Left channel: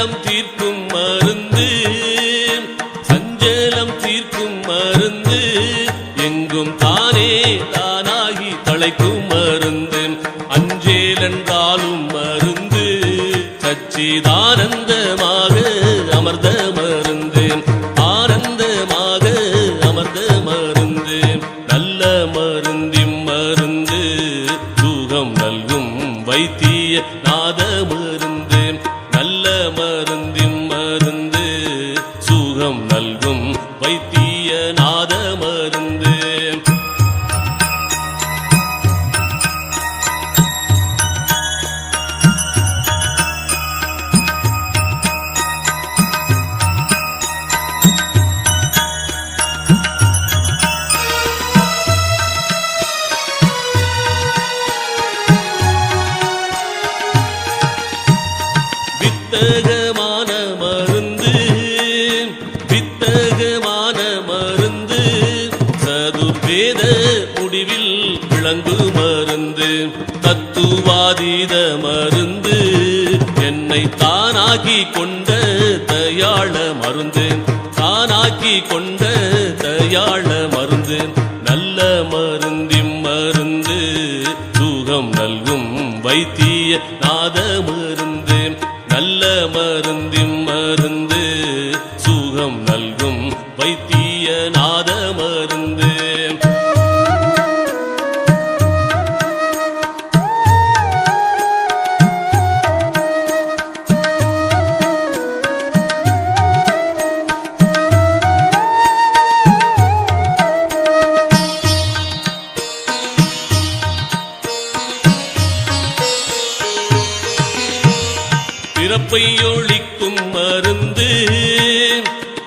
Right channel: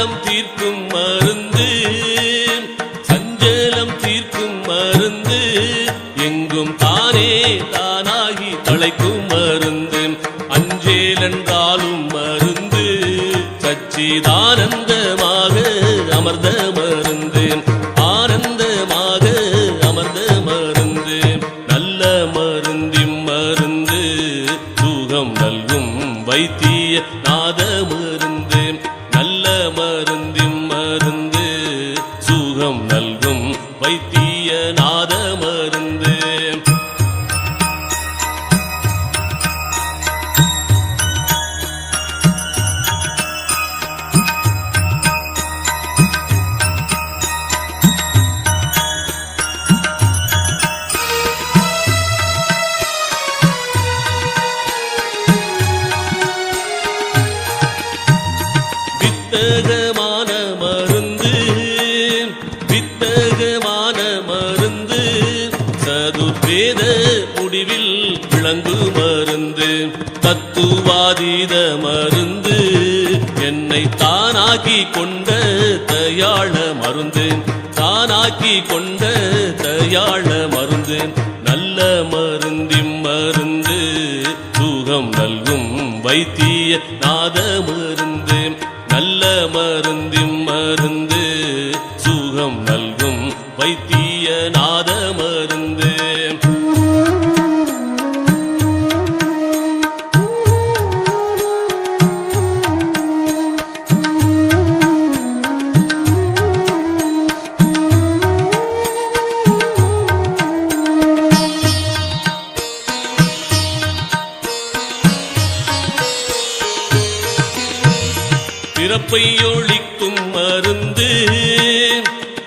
சஞ்சலம் தீர்க்கும் மருந்து சஞ்சலம் தீர்க்கும் மருந்து எங்கும் தானே தானாகி தலைக்கும் மருந்து அஞ்சேலென்றாலும் மருந்து சச்சிதானந்தமாக அமர்ந்த மருந்து ஆனந்தமாக அமர்ந்த மருந்து நல்ல மருந்திம் மருந்து சுகம் நல்கும் வைத்திய நாத மருந்து. வைத்திய நாத மருந்து வித்தகமான வேத முடிவில் விளங்கு மருந்து தத்துவாதீத மருந்து என்னை தானாக்கி கொண்ட தயாள மருந்து தானாக்கி கொண்ட தயாள மருந்து நல்ல மருந்திம் மருந்து சுகம் நல்கும் வைத்திய நாத மருந்து நல்ல மருந்திம் நல்கும் வைத்திய நாத மருந்து பிறப்பை ஒழிக்கும் மருந்து.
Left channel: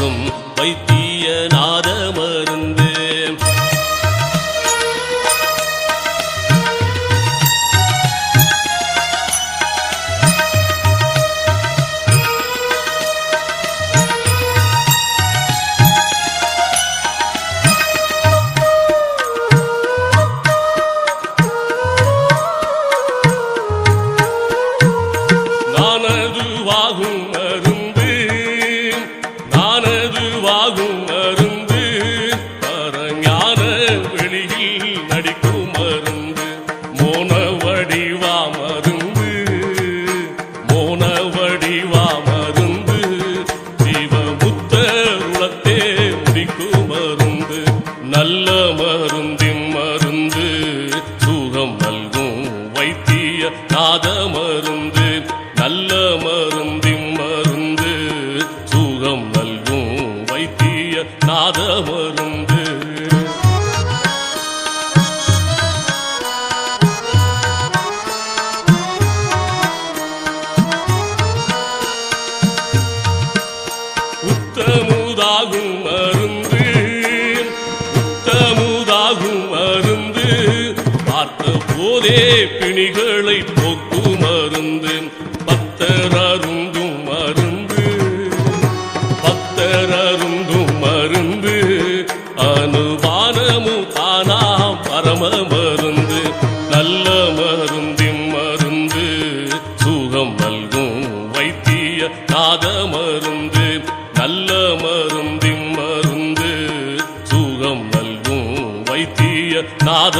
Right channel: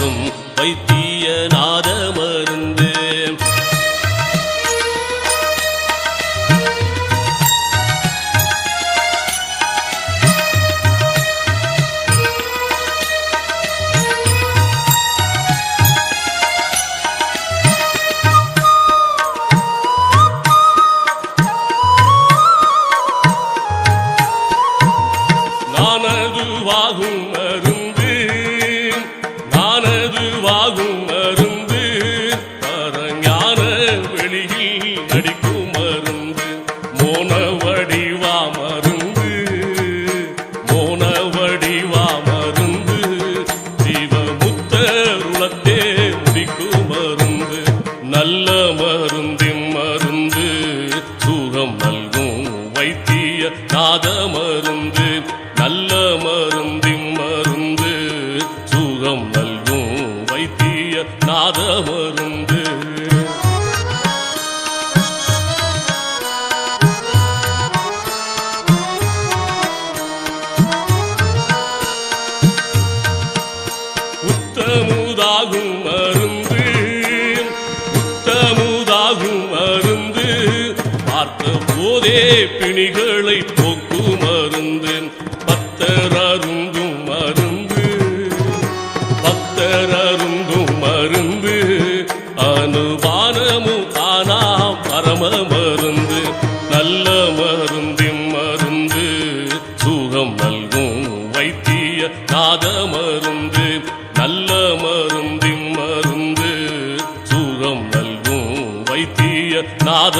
என்றும் வைத்திய நாத மருந்து நானதுவாகும் மருந்து ஆகும் மருந்து. பரஞான வெளியில் நடிக்கும் மருந்து. மோன வடிவா மருந்து. மோன வடிவா மருந்து ஜீவமுத்தருளத்தே முடிக்கும் மருந்து. நல்ல மருந்தின் மருந்து. சுகம் நல்கும் வைத்திய நாத மருந்து. நல்ல மருந்து. நாத மருந்து உத்தமுதாகும் மருந்து. உத்தமுதாகும் மருந்து. பார்த்த போதே பிணிகளை போக்கு மருந்து. பத்தரா மருந்து அனுபானமு தானா பரம மருந்து. நல்ல மருந்தின் மருந்து சுகம் நல்கும் வைத்திய நாத மருந்து. நல்ல மருந்தின் மருந்து சுகம் நல்கும் வைத்திய நாத